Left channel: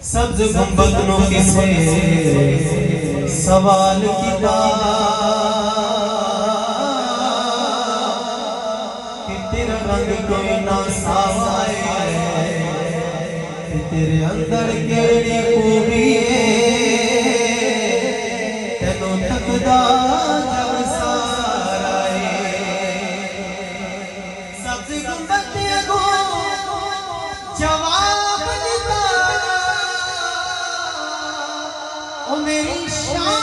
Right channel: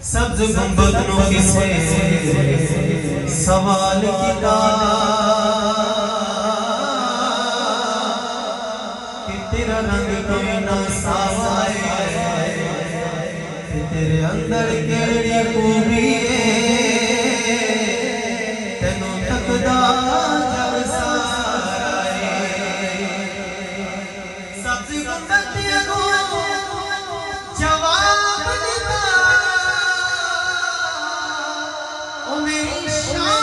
सब्ज गुंबदों किसे सवाल किया कि तेरा रंग कोई ना सावाए कि तेरे अंदर केड़ी खूबी है तेनों तकदा जब सारा सब्ज गुंबदों जवाब दिता ओ मेरी शान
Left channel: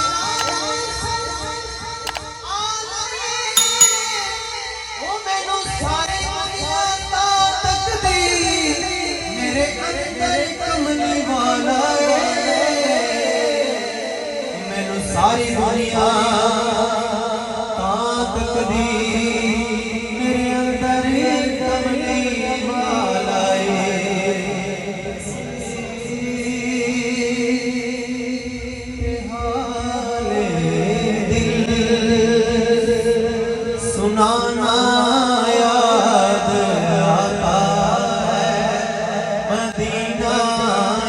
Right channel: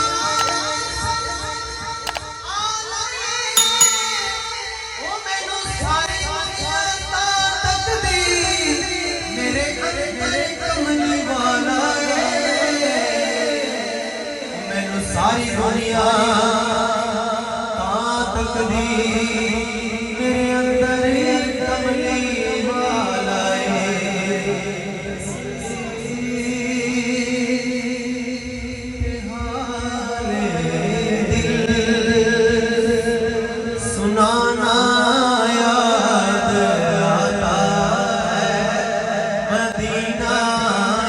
ओ मैनू सारी दुनिया तक दी मेरे अंदर कमली वाला मैनू सारी दुनिया तक दी मेरे अंदर कमली वाला सुनाना याद आता है मदीना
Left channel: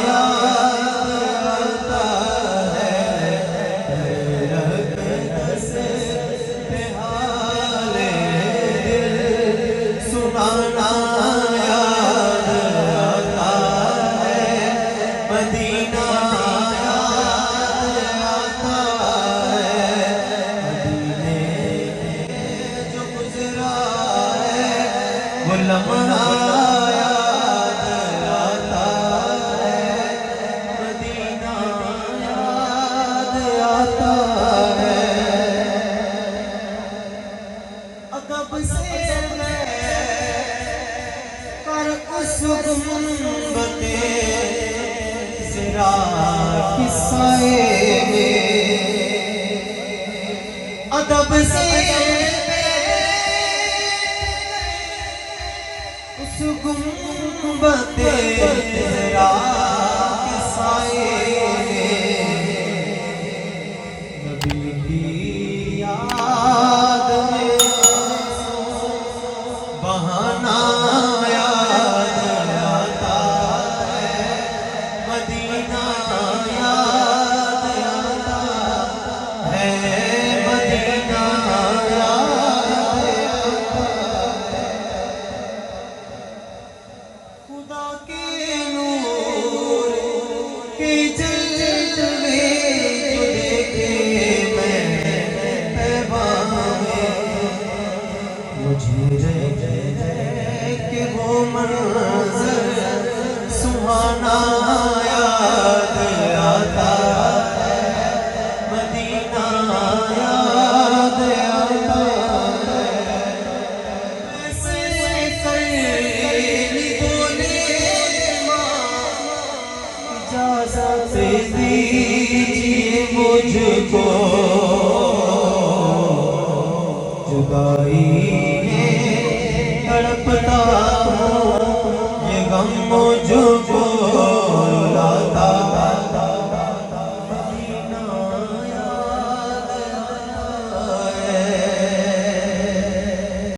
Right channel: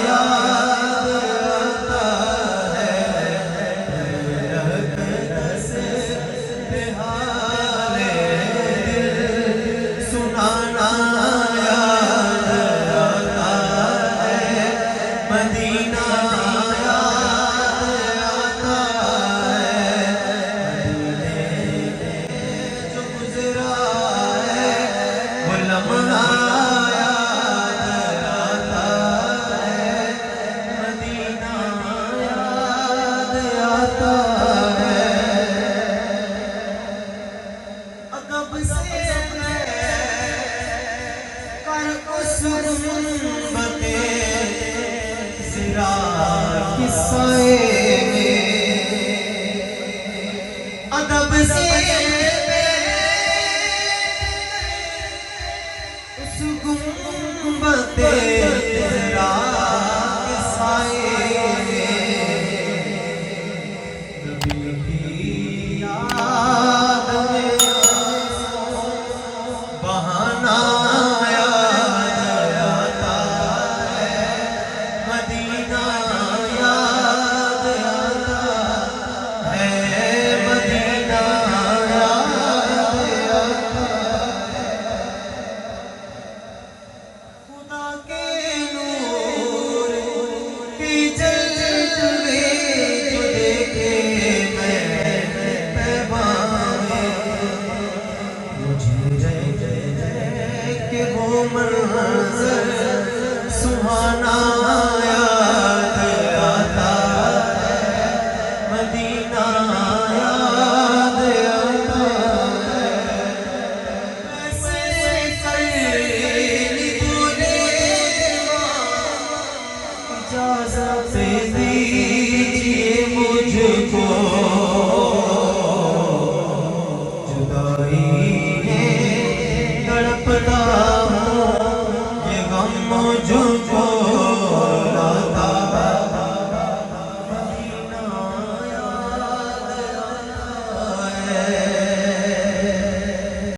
याद आता है रगत से हाले दिल सुनाना याद आता है मदीना लम्हा याद आता है मदीना याद आता है अदब से मैं कर उस गुंबदे ज़रा किस्से अदब से उस गुंबदे ज़रा किस्से नबी की याद में बहाना याद आता है मदीना याद आता है मदीना याद आता खुदा के नूर के जलवे जो देखे मैंने पैगामे मुझे के वो मंज़र सुहाना याद आता है मदीना याद आता है ऐसे कई बोले इजाज़त दीजिए मुझको जुदाई